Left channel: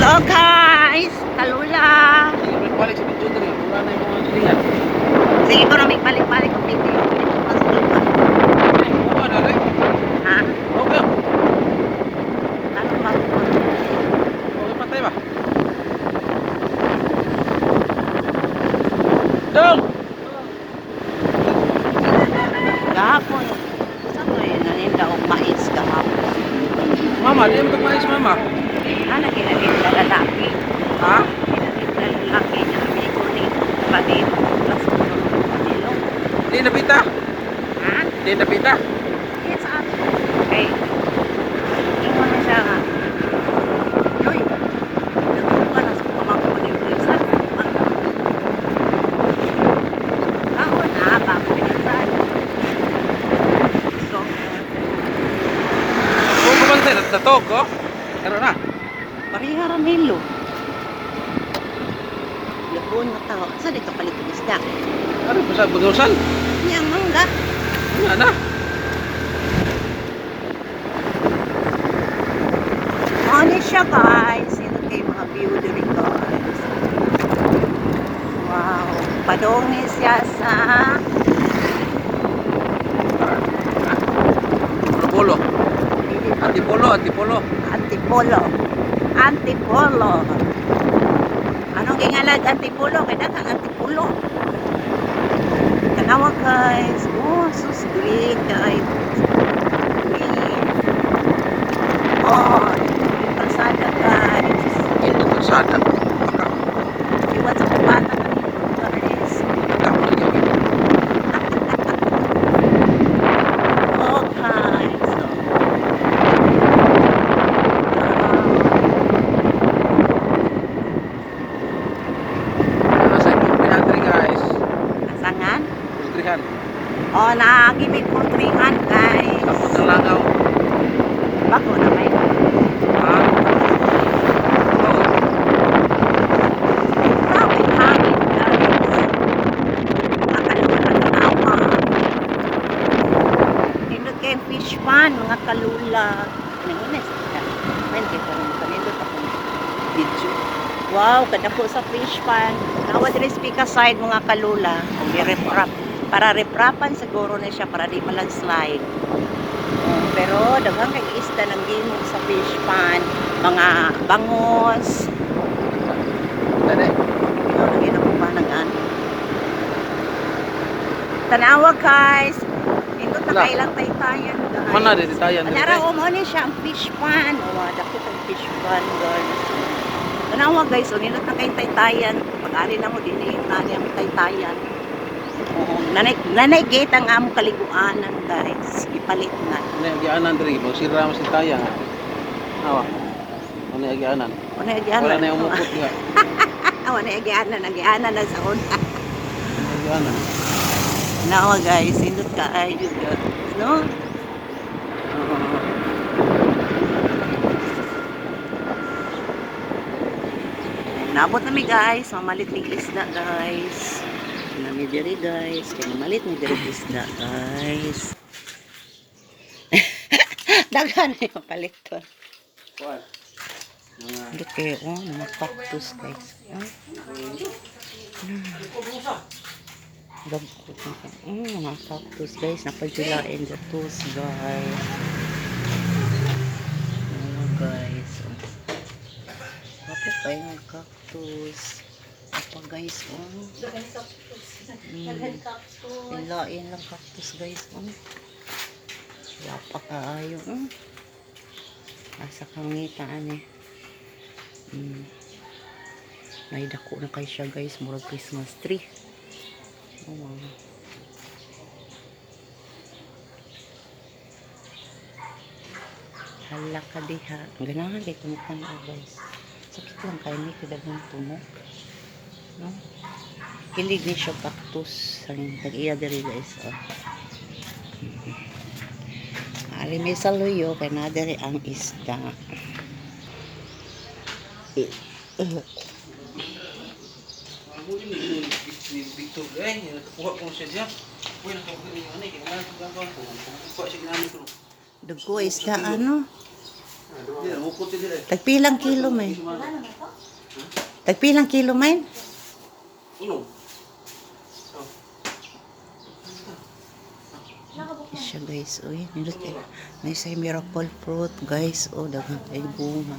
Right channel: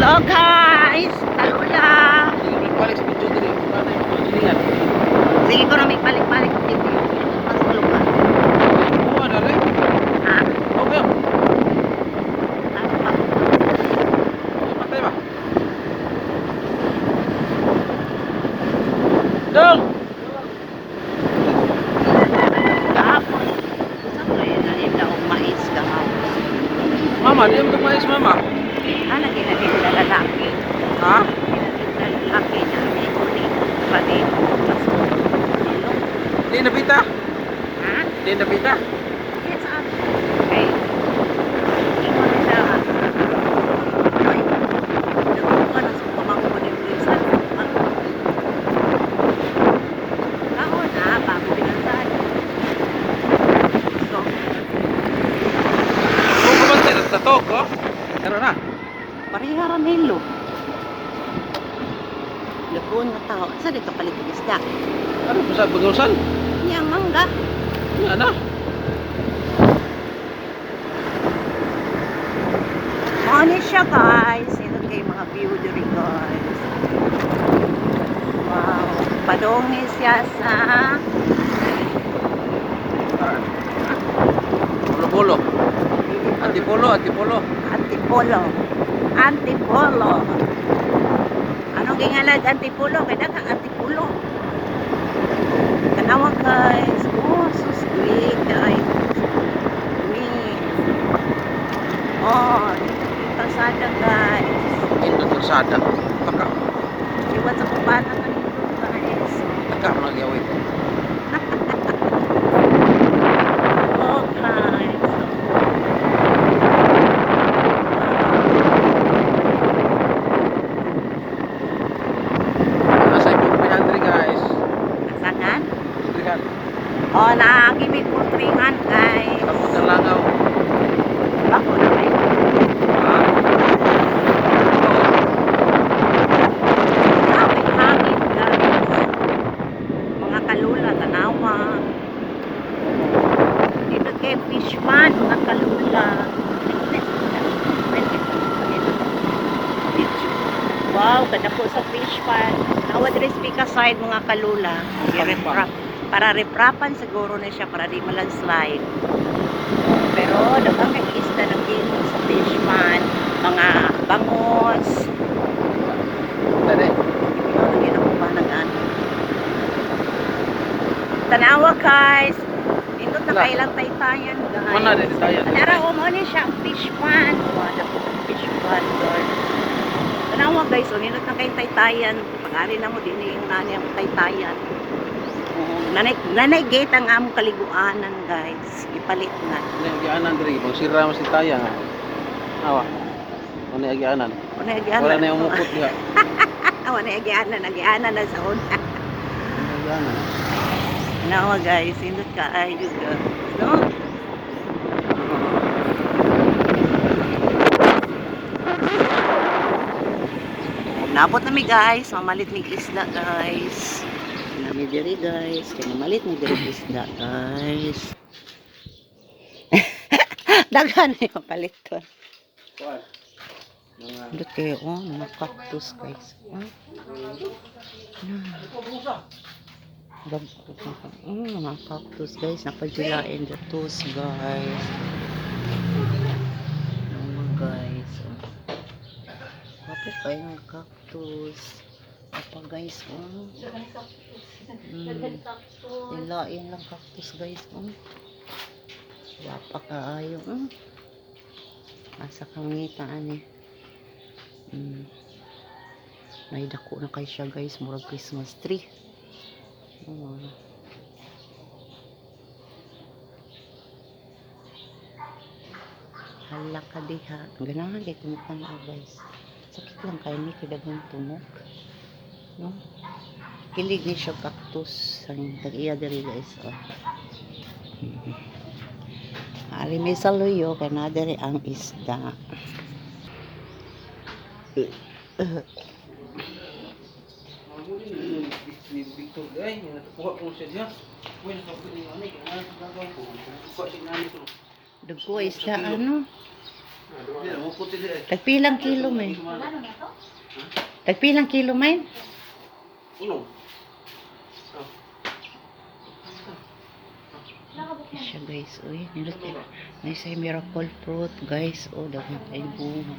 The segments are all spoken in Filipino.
Hello guys! Kalula! Balik sa video diri. Wala na yung pagkilihan. Sige ko na may balik-balik ang video. Masulog ba? Oo, ano rin? Ha? Okay. Ano ba? Okay, patay ba? Dong! Kahapon. Saan ko yung nalinda o mais kahapon? Mama, di mo mais mama. Naginalinda lalaki. Ha? Ginalinda lalaki niya. May kunin pa dito. Plus, nilong. Di napita? Ha? Di napita? Yes, ako. Okay. Yung mga siya nga. Noy. Nagawin pa na sa pamangkunin ko yung sana. Ako na, bago na sana. So, Oo, kumantay. Nagtatog, oh. Ano na? parihara nilo. Lagoon nga tao. Saan ay kapalit ng isda? Ano pa sa bagusan? Yang mangga. Ano na? Ano siya guys? Ito kayo mga view dito guys. Wow. Padongi siya sa Polo-polo. Antipolo, antipolo. Antipolo. Antipolo. Anong gingalag Antipolo? Kaya ka Antipolo. Tanawa guys. Oh, sus green guys. Green. Oh, pasada guys. Ito kasada. Baka. Iwan sa kubatan ng guys. Tama gawin. Oh guys. Nasa yung 300 guys. Nasangan? 300. Oh, nakakibig po 300 guys. Tapos ng langaw. Bako na. Ha? Oo. Hangin guys. Mga kalula tanawa. Dito kay fish pan, mga kalula. Wow, kada po sa fish pan. Awad rin speak aside mga kalula. Para reprapan siguro na siya para di malandslide. Pero dagang kay isda ng dino sa fish pan, mga bangos. Ito rin. Tanawa guys. Ito na kailang taytayan guys. Mana rin tayo. Anara umani siya ang fish pan. Wala ko ang fish pan guys. Tanawa guys, uninot na kayong taytayan. Pag-ari na mo din yung nani ang taytayan. Nanay gate ang among kaliguanan guys. Ipalit na. Ano yung agianan diri? Kung sira mo si Taya. Awa. Ano yung agianan? Wala agianan. Wala na yung mukot nga. Wala agianan na sa una. Ano yung agianan? Nawa guys, indot ka ay guys. No? Nabot na mi guys, mamalit mi isda guys. Nami diri guys, kaya mamalit mi diri isda guys. Daghan ni mapalit ko. Kuwan. Indot kayo oh, mga cactus guys. Mga cactus guys, napadulain datos guys. Mga guys. Kapit kayo ng cactus. Apa guys, Ilain lang cactus guys, Wapa kaayo, Asa kangitaan May dako na kay siya guys, murag Christmas tree. Hala ka diha. Ganahan kay tumukan guys. Sakit lang kayo ni kadagang tunog. No? Kilig ni siya cactus. Ang tag-iya diri guys. Ari may saluyo kay na diri ang isda. Victor guys, natukuha ko siya diyan. Uy, nakabuhin yung anay. Kaya wala ko gagawin ko. Kukuha siya ng anay ko. Dugo isda ano? Hindi, bukod din dire. Tagpilang kilo may. Tagpilang kilo may. Ulo. Siya guys, uy, nilaki. May say miracle fruit guys, oh, dagang kay bunga.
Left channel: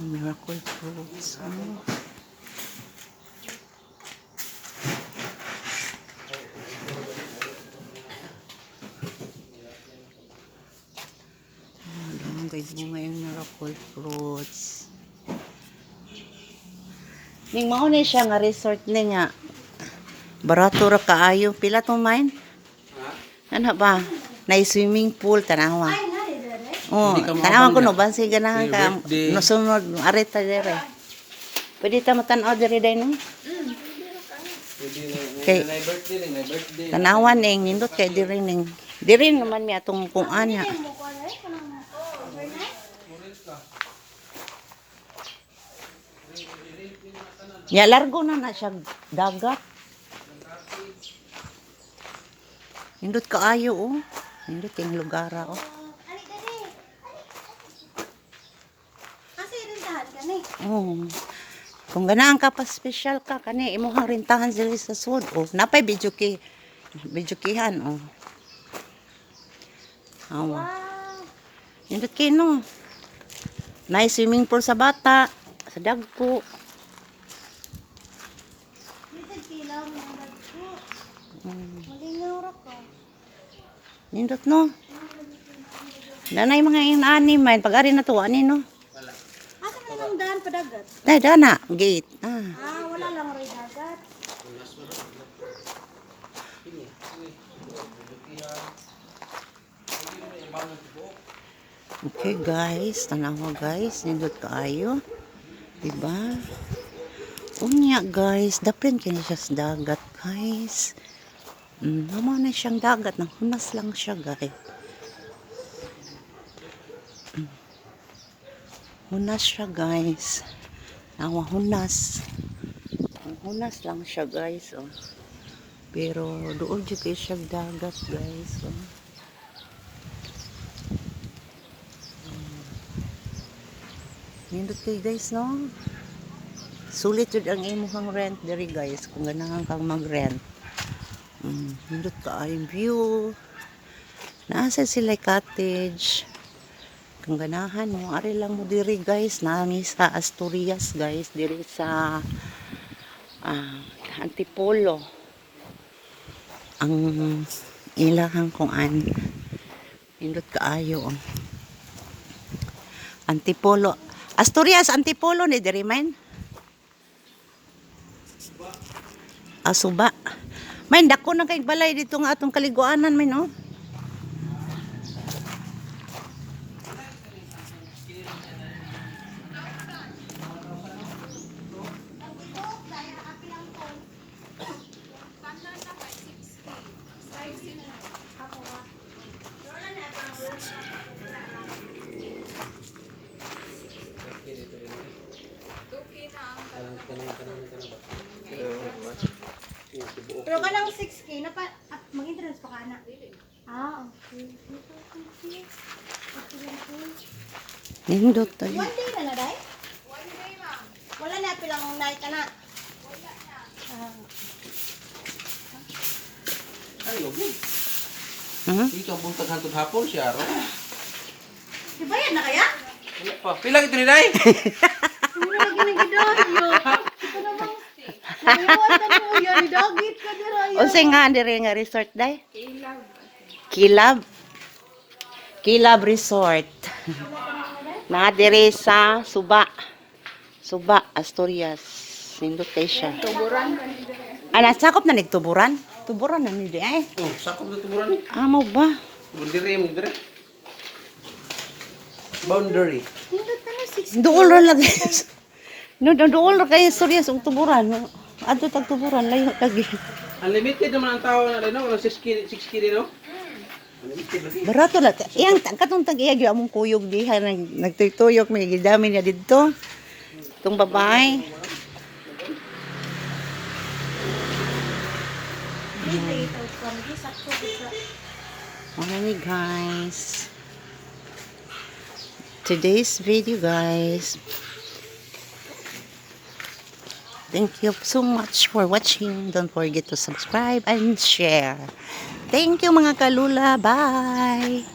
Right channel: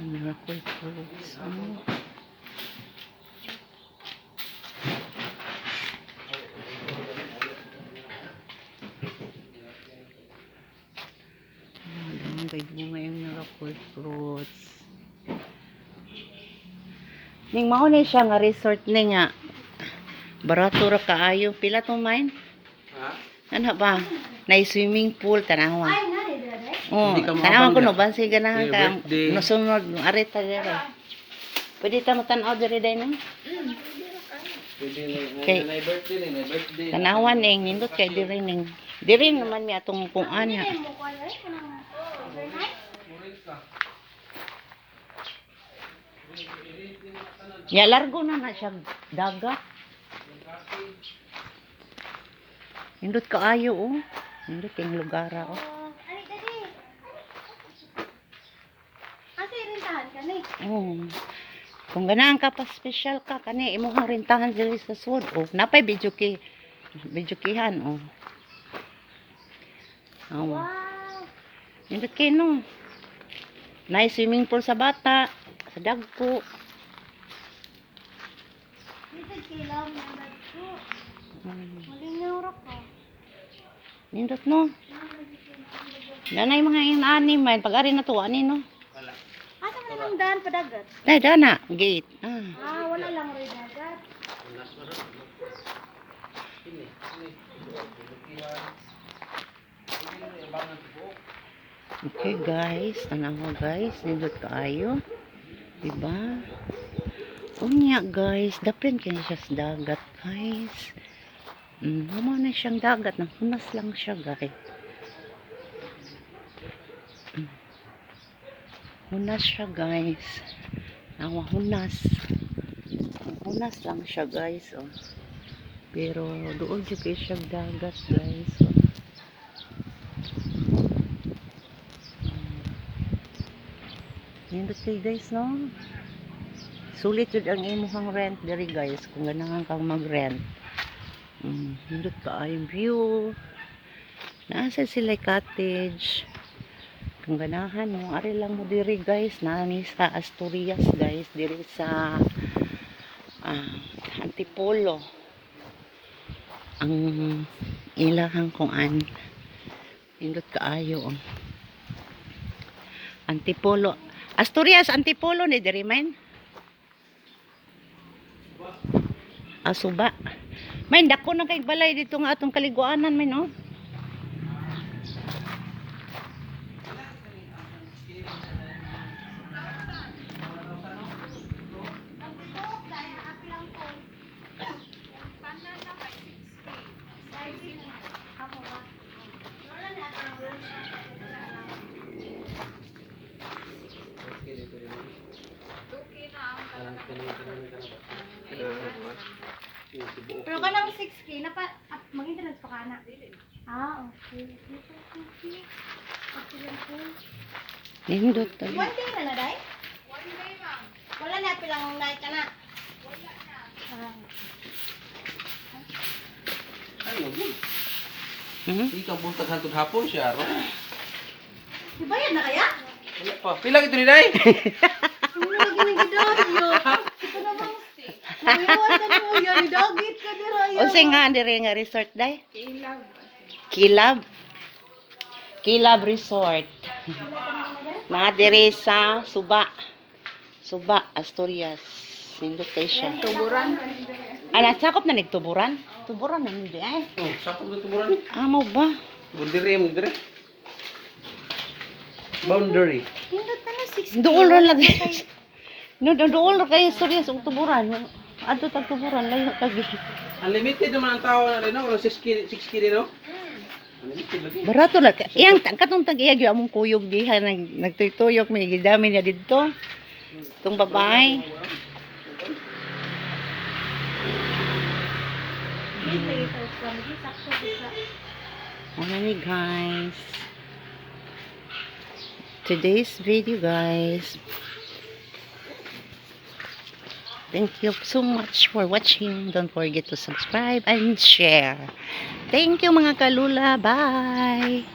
Miracle fruits, oh. Dagang kay bunga yung miracle fruits. Ning mao ni siya nga resort ni nga. Barato ra kaayo. Pila to mine? Ha? Ano ba? Na swimming pool tanawa. Oh, Hindi ka tanawa ko maabang no bansi ganahan Happy ka. birthday. No sunod arita dire. Pwede ta matan-aw dire day no? Pwede Okay. na birthday ning, na birthday. Tanawa ning nindot kay dire ning. Dire naman mi atong kuan nga. Ya largo na siya dagat. Nindot kaayo oh. Nindot yung lugara oh. Oh. Kung ganahan ka pa special ka kani imong rentahan sila sa sud oh. Napay videokihan oh. Awa. Nindot kay no. Nay swimming pool sa bata, sa dagko. Nindot no. Danay mga inani man pag-ari na to ani no. Asa man yung daan pa dagat? Dai dana gate. Ah. Wala lang rin dagat. Okay guys, tanawa guys, nindot kaayo. Diba? Unya guys, dapren kini siya sa dagat guys. Mama na siyang dagat, nang hunas lang siya guys. Hunas siya guys. Awa hunas. Hunas lang siya guys. Oh. Pero doon juga siya dagat guys. Oh. Nindot kay guys no. Sulit yun ang imuhang rent diri guys kung ganahan kang mag-rent. Nindot ka ay view. Nasa sila cottage. Kung ganahan mo, ari lang mo diri guys. Nani sa Asturias guys. Diri sa Antipolo. Ang ilahang kung an. Nindot ka ayo. Antipolo. Asturias, Antipolo ni diri man. Asuba. May dako na kay balay dito nga atong kaliguanan may no. Pero kanang 6K na pa mag-interest pa kana. Okay. Nindot tayo. One day na day? Wala na pilang night ka na. Ay, okay. Mhm. Ikaw buntag hantod hapon siya, ro. Dibayad na kaya? Wala pa. Pila ito ni Day? Hindi na ginigidaan mo. Ito naman. Iwan ka mo yan. Idagit ka dira. Unsa nga diri nga resort day? Kilab. Kilab Resort. Na diri sa Suba. Suba, Asturias. Sindot kay siya. Tuburan. Ana sakop na nigtuburan? Tuburan na ni di ay. Oh, sakop dito mo ron. Amo ba? Bundiri mo dire. Boundary. Nindot na mo 6K. Duol ra lang. No, duol ra kay Asturias ug tuburan. Adto tag tuburan layo kag. Unlimited naman ang tao na rin, no? Walang 6 kilo, no? Unlimited lagi. Barato la. Iyang katong tag-iya gyud among kuyog diha nagtuyok may gidami niya didto. Tong babae. Hindi ito pa. Sakto sa Muna ni guys. Today's video guys. Thank you so much for watching. Don't forget to subscribe and share. Thank you mga kalula. Bye!